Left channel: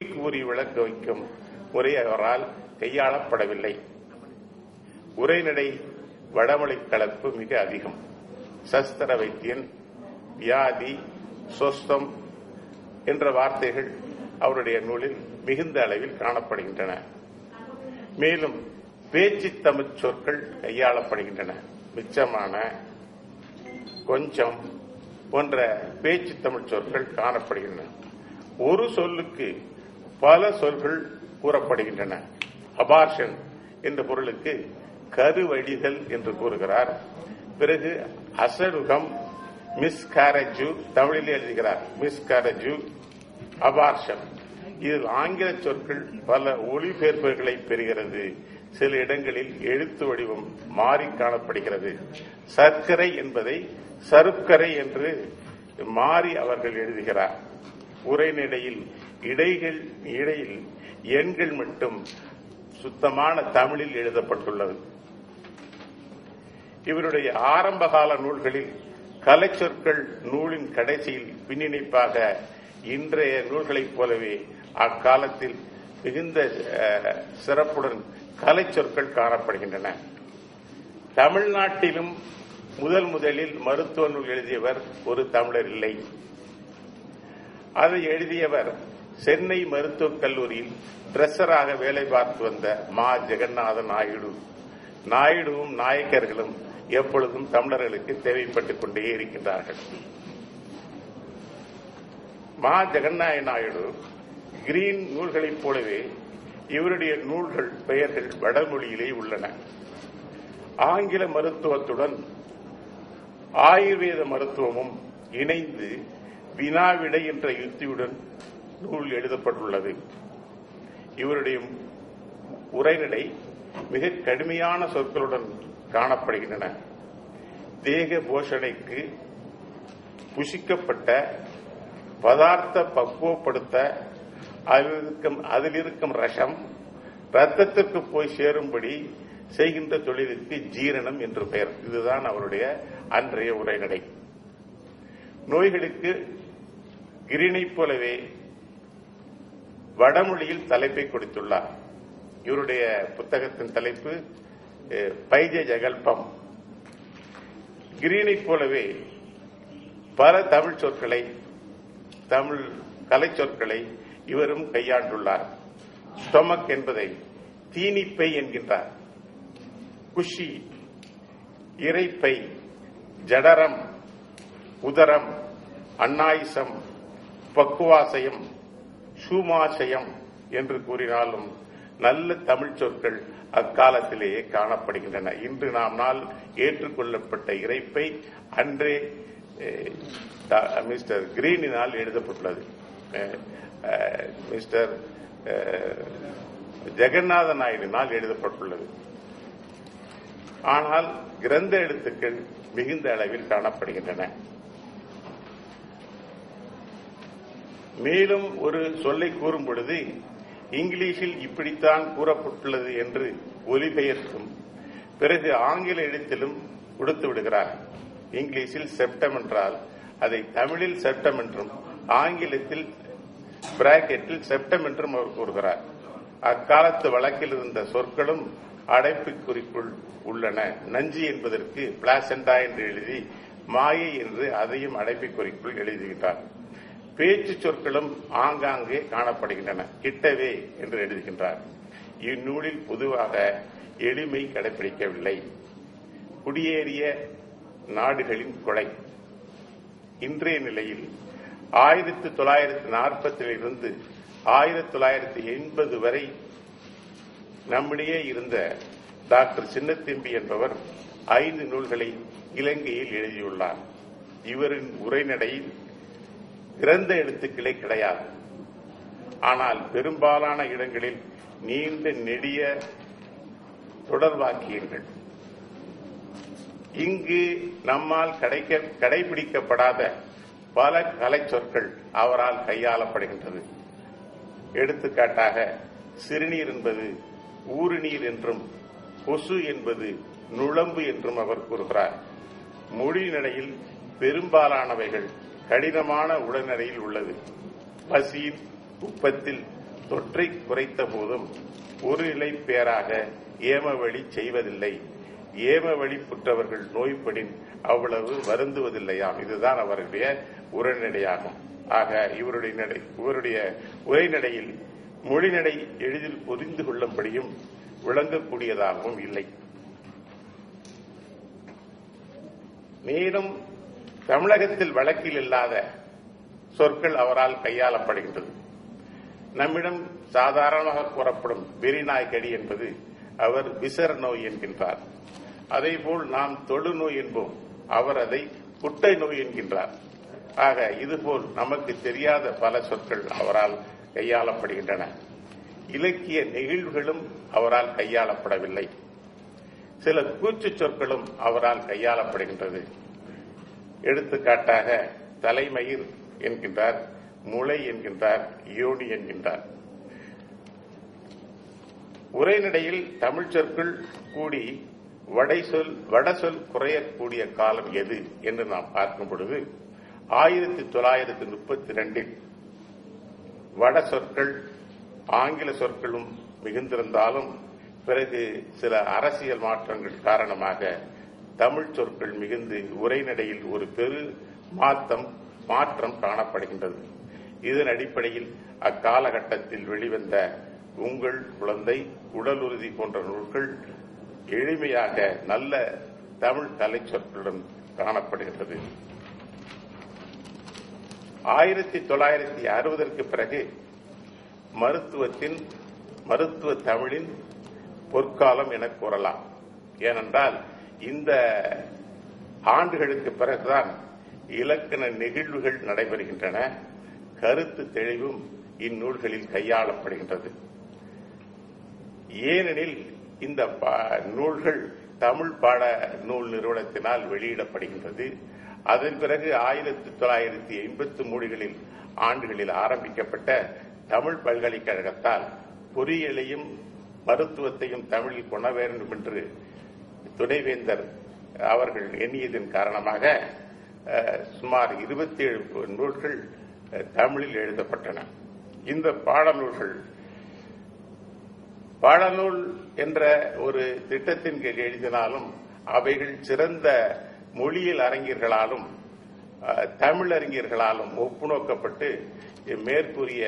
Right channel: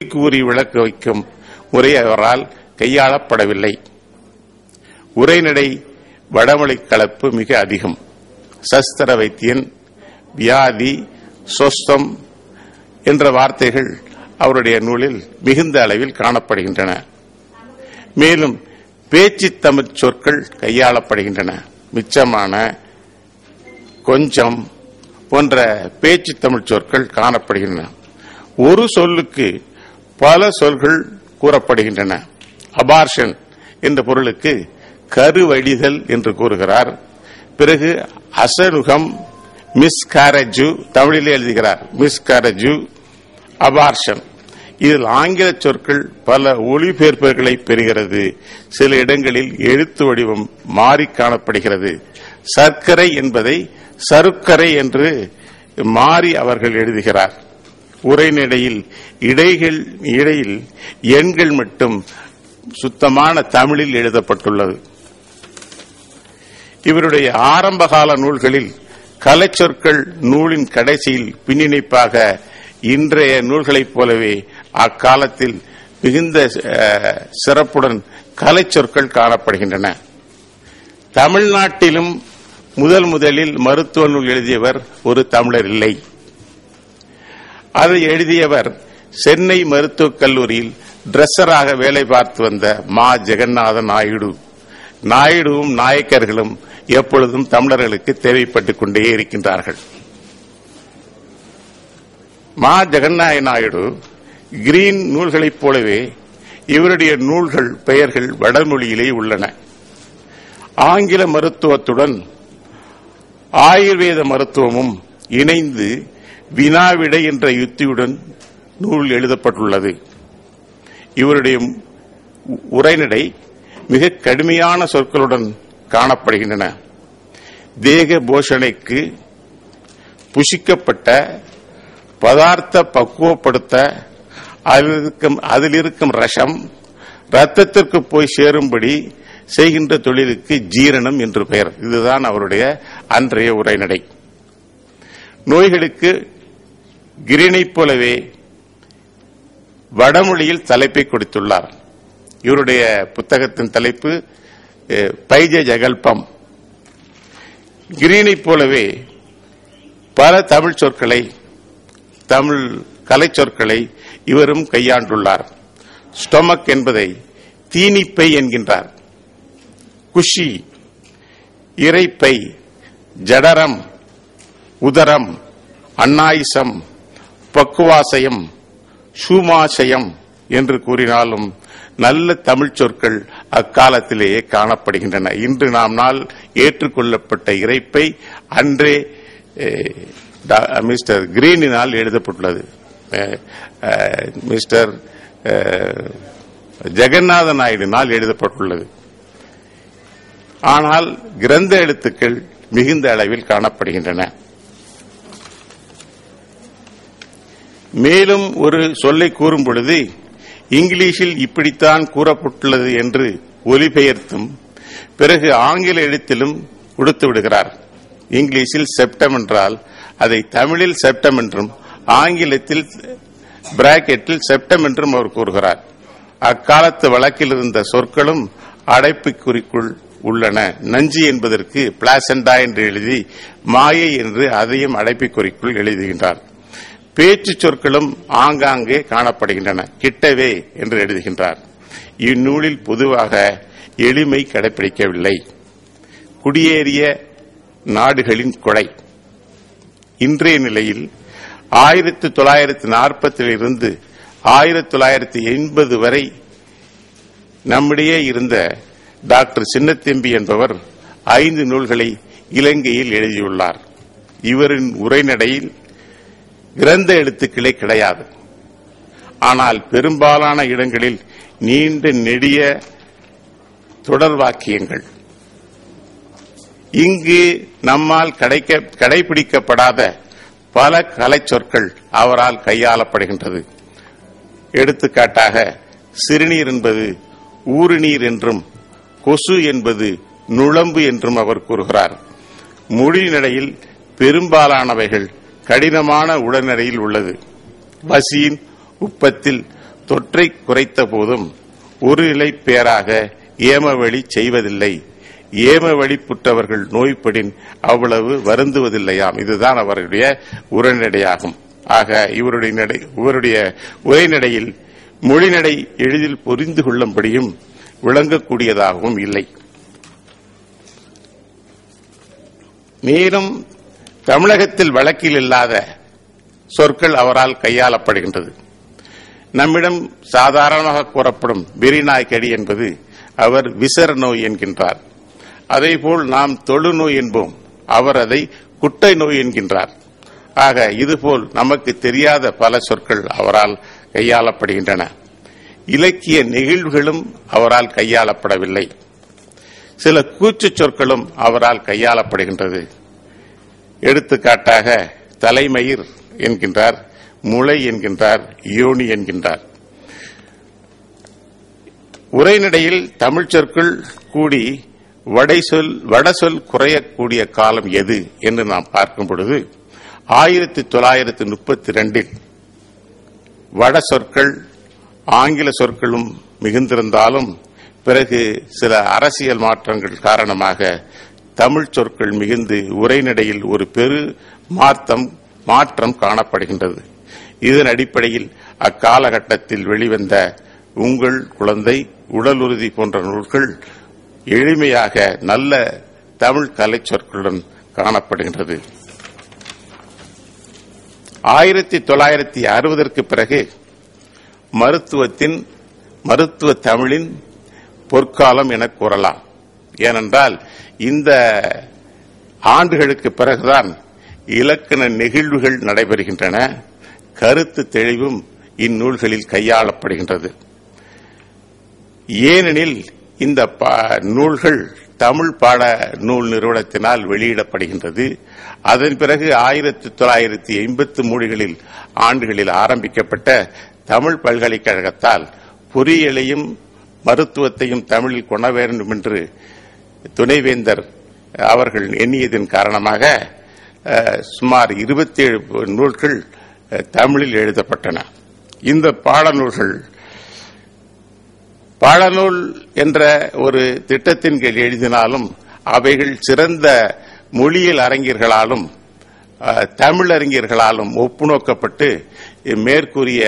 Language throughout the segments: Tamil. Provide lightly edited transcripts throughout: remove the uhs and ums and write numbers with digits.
கூறி விளக்க வைக்கும் முறை அவரால் கையாளப்படவில்லை. உரைநடை வடமொழி கலப்பு மிக அதிகம். சஸ்திர வைத்தியன், வியாதி, சொஸ்தம் என்ற வார்த்தைகள் அவருடைய நூலில் மிகுந்த அளவில் காணப்படுகின்றன. மேலும் பேச்சு தமிழ் சொற்கள் கையாளப்படுகின்றன. மிச்சமான, கொஞ்சம் போன்ற பேச்சு தமிழ் சொற்கள் காணப்படுகின்றன. ஒரு சொல்லுக்கு பல சொல்கள் கூறப்படுகின்றன. அபார்ஷன் என்ற பொருளுக்கு கருவடிதல் என்று கூறுகிறார். பிறகு அசனுகம், மிஸ்காரஜு தமிழிலே எழுதுகிறார். மிஸ்காரஜு, அபார்ஷன். இதில் ஆங்கில சொற்கள் பல ஒளிபெயர்ப்புகளை பெறுகிறது. சில இடங்களில் எழுத்து வடிவம் மாறி காணப்படுகிறது. சர்க்கரை என்பதை சருக்கரை என்று மாறி அவர்கள் எழுதுகிறார். உரைநடையில் இடையில் எண்கள் மட்டும் சுத்தமான தமிழில் எழுதப்பட்டுள்ளது. இவருடைய ஆரம்பகால நூல்களில் கலைச்சொற்கள் நூலின் கடைசியில் பின்னிணைப்பாக இன்றைய நூல்களைப் போலவே அக்காலத்தில் மிகுந்த சிறப்புடன் கலைச்சொற்கள் காணப்படுகின்றன. தமிழ்நாட்டிலும் முதலில் மருத்துவ நூல் எழுதியவர் ஒரு தமிழர் இல்லை. அதை எழுதியவர் சென்னை மருத்துவக் கல்லூரியில் டிரெஸ்ஸராக வேலை பார்த்து வந்த மா ஜெகநாத நாயுடு. நாயுடுவும் நாயக்கர்களும் எப்பொழுதும் தமிழர்களுக்கு தேவைப்பட்டுக் கொண்டே இருக்கின்றார்கள். மா ஜெகநாத நாயுடு கிரீன் நூல்களைப் போலவே இவருடைய நூல்கள் பெயர்கள் வடமொழியிலே உள்ளன. ஆங்கில மருத்துவத்துடன் ஆயுர்வேத மருத்துவமும் இணைந்து வினாவிடை என்ற யுத்தியுடன் நூல் எழுதப்பட்டுள்ளது. இவருடைய உரைநடை மிக கடுமையான சொற்களுடன் காணப்படுகின்றன. தேக போஷணைக்கு புசிக்கப்பட்ட பதார்த்த பக்குவப்படுத்த அதில் இருக்கும் ரசம் ரத்தத்திற்கு போய் சேரும்படி செய்கின்ற தொழிலுக்கு ஜீரணம் என்று பெயர். இதுதான் அவருடைய அன்றைய உரைநடை. நோய்களுக்கு கிரீனைப் போலவே வடமொழியில் தலைப்பை கொடுத்துள்ளார். இவருடைய புத்தகத்தின் தலைப்பு பைஜ ஜகல்பம். கிரீனைப் போலவே பல தமிழ் சொற்களை, தமிழ் கலை சொற்களை இவரும் கையாண்டுள்ளார். ஸ்டொமக் என்பதை தீனிப்பை என்கின்றார். குஷி, இறைப்பை, ஜடரம், உதரம், அன்னாயிசம், பக்குவாசயம், சூமாசயம் என்று கூறினாலும் நல்ல தமிழ் சொற்கள் அக்காலத்திலேயே காணப்படுகின்றன. இன்று நாள் ஏற்றுக்கொள்ளப்பட்ட இறைப்பை அன்றே மிஸ்டர் கிரீனினால் எழுதப்பட்டுள்ளது. மிஸ்டர் ஜெகநாத நாயுடினால் எழுதப்பட்டுள்ளது. ஆனால் கிரந்த எழுத்துக்கள் மிகுந்த அளவில் காணப்படுகின்றன. மேலும் ஒரு சொல்லை கூறும் பொழுது இங்கிலீஷில் இப்படித்தான் கூறப்பட்டுள்ளது என்று ஒலிபெயர்த்தும் பிறகு ஆங்கில எழுத்திலும் கொடுத்து விடுகிறார். இங்கிலீஷில் செப்டம் என்றால் அதை தமிழில் செப்டம் என்றும் ஆங்கிலத்தில் பிராக்கெட்டில் செப்டம் என்றும் அவர் கூறுகிறார். அக்காலத்து வழக்கில் இருந்த சொற்களும் அடைப்புக்குறிக்குள் உள்ளன. நஞ்சு என்பதற்கு பிளாசண்டா என்று எழுதி மாயை என்று அதையும் அடைப்புக்குறிக்குள் எழுதுகின்றார். பேச்சு சொற்களும் ஆங்காங்கே காணப்படுகின்றன. கிட்டவே என்று எழுதுகின்றார். இந்நூலில் பொதுவாக எளிமை கடைபிடிக்கவில்லை. குடியேறிய நாடுகளின் கொடை. இன்றைய நிலையில் 1940 இருந்து 1980 வரை நம்மிடையே இருந்த டாக்டர் சின்னத்தம்பி என்பவர் 5 நூல்களை இலங்கையில் எழுதியுள்ளார். இவரின் உரைநடையில் கிரந்த எழுத்துக்களே கிடையாது. ஆனால் பெரும்பாலான இடங்களில் நீண்ட நெடிய தொடர் வாக்கியங்கள். இங்கு நம்மால் கடைபிடிக்கப்படாத பல கலை சொற்கள் அவரால் கையாளப்படுகின்றது. எடுத்துக்காட்டாக சிறுநீர் என்பது ஊறுநீர் என்றும் கொசு என்பது நுழம்பு என்றும் அவர் கூறுகிறார். மொழி நடையில் பெரும்பாலானவைகள் கடினமான உடனடியில் உள்ளது. வசியின் உப்பத்தில் தொற்றை குறைத்த போதும் ஒரு நிலை பேராக ஏமவழி செய்வதில்லை. ஏமவழி புற்றவர்கள் நோய்படின் அவ்வளவு வருந்துவதில்லையாம். இதுதான் அவருடைய உரைநடையாகும். ஆக இவருடைய உரைநடையில் மொழிநடை எளிதில் புரிந்து கொள்ளும்படியும் விளங்கக்கூடியதாகவும் இல்லை. மேலும் தமிழகத்தில் வழக்கில் இல்லாத சொற்கள் அவரால் கையாளப்படுகின்றது. நம்மிடம் சாதாரணமாக கூறப்படும் வெறிநாய்க்கடி என்பது அவர் விசர நோய் என்கின்றார். அதேபோல் நாம் தொழுநோய் என்போம், அவர் அதை குட்டை நோய் என்கின்றார். ஆக இதுபோல் நமக்கு தெரியாத பல சொற்கள் அவரால் கையாளப்படுகின்றன. இலக்கிய நெகிழ்வுகளும் அவரால் கையாளப்படவில்லை. சில கூச்சு சொற்களும் அவரால் கையாளப்படுகின்றது. எடுத்துக்காட்டாக தலைமயிர் என்கின்றார், முளை என்கின்றார், யோனி என்கின்றார். உரைநடையில் தமிழ் சொற்கள் கூடி வடசொல் குறையக்கூடிய காலம் எது என்று நாம் பார்க்கும் பொழுது 1932 வட சொற்கள் ஆங்கில சொற்களும் மிகுந்திருந்தாலும் பிறகு சில அரசியல் மாற்றங்கள் காரணமாக தமிழ் சொற்கள் மிகுந்து உரைநடையில் ஒரு பெரு மாற்றம் காணப்படுகின்றது. இதன் அடிப்படையில் அக்காலகட்டத்தில் வெளிவந்த உங்கள் குழந்தை, உடல் உறுதி போன்ற நூல்கள் எளிமையாக நல்ல தமிழ் கலை சொற்களுடன் காணப்படுகின்றது. 1960ற்கு பிறகு மருத்துவ தமிழின் பொற்காலம் என கூறலாம். ஏனென்றால் இந்த ஆண்டுகளுக்கு பிறகுதான் இலக்கண நெகிழ்வுகள் நடைபெறுகின்றன. கருத்து தெளிவும் இந்நூல்களில் கையாளப்படுகின்றது. ஏனெனில் இந்த நூல்கள் தமிழ் பாட நூல் நிறுவனத்தினால் வெளியிடப்படுகின்றது. அதன் பிறகு 1983 ஆண்டுகளில் ஆரம்பிக்கப்பட்ட தமிழ் பல்கலைக்கழகத்தால் பொறியியலையும் மருத்துவத்தையும் தமிழில் கொண வேண்டும் என்று துணைவேந்தர் அவர்கள் எண்ணியதன் காரணமாக சுமார் 27 நூல்கள் தமிழில் எழுதப்பட்டன. இந்த பாடநூல் என்ற ஒரு திட்டத்தின் கீழ் எழுதினாலும் அவைகள் சிறந்த மொழியியல் அறிஞர்களாலும் தமிழறிஞர்களாலும் ஒப்புநோக்கப்பட்டு மேற்கூறிய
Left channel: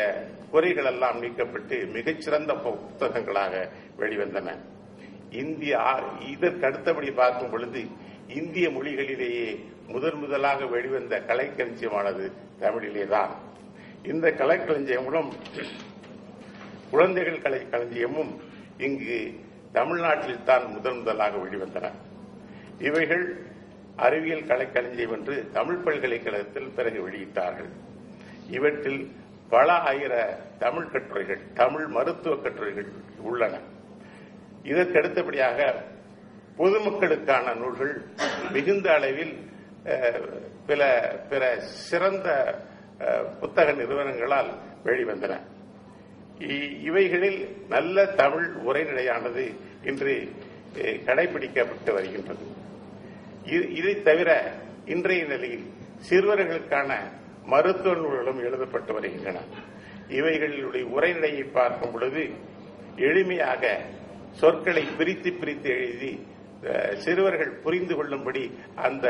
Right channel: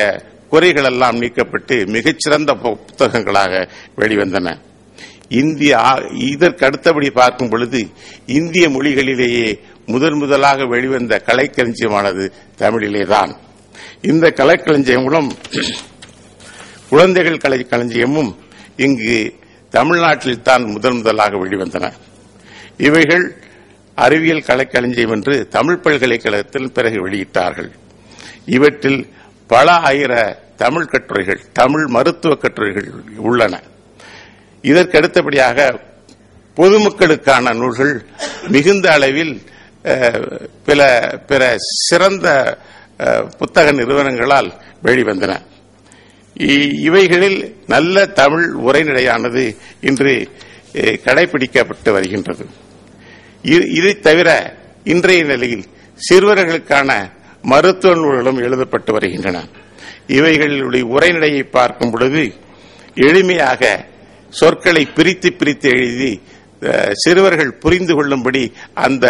குறைகளெல்லாம் நீக்கப்பட்டு மிகச்சிறந்த புத்தகங்களாக வெளிவந்தன. இதற்கு அடுத்தபடி பார்க்கும் பொழுது இந்திய மொழிகளிலேயே முதலாக வெளிவந்த கலைக்களஞ்சியமானது தமிழிலேதான். இந்த கலைக்களஞ்சியம் மூலம் குழந்தைகள் கலைக்களஞ்சியமும் இங்கு தமிழ்நாட்டில் தான் முதலாக வெளிவந்தன. இவைகள் அறிவியல் கலைக்களஞ்சியம் என்று தமிழ் பல்கலைக்கழகத்தில் பிறகு வெளியிட்டார்கள். இவற்றில் பல ஆயிர தமிழ் கட்டுரைகள், தமிழ் மருத்துவ கட்டுரைகள் உள்ளன. இதற்கு அடுத்தபடியாக பொதுமக்களுக்கான நூல்கள் மிகுந்த அளவில் பிற சிறந்த புத்தக நிறுவனங்களால் வெளிவந்தன. இவைகளில் நல்ல தமிழ் உரைநடையானது இன்று கடைபிடிக்கப்பட்டு வருகின்றது. இதை தவிர இன்றைய நிலையில் சிறுவர்களுக்கான மருத்துவ நூல்களும் எழுதப்பட்டு வருகின்றன. இவைகளுடைய உரைநடையை பார்க்கும் பொழுது எளிமையாக சொற்களை பிரித்து எழுதி சிறுவர்கள் புரிந்து கொள்ளும்படி அந்த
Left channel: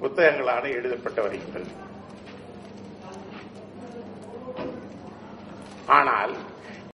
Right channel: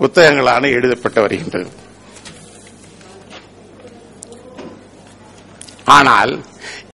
புத்தகங்களான எழுதப்பட்டு வருகின்றது. ஆனால்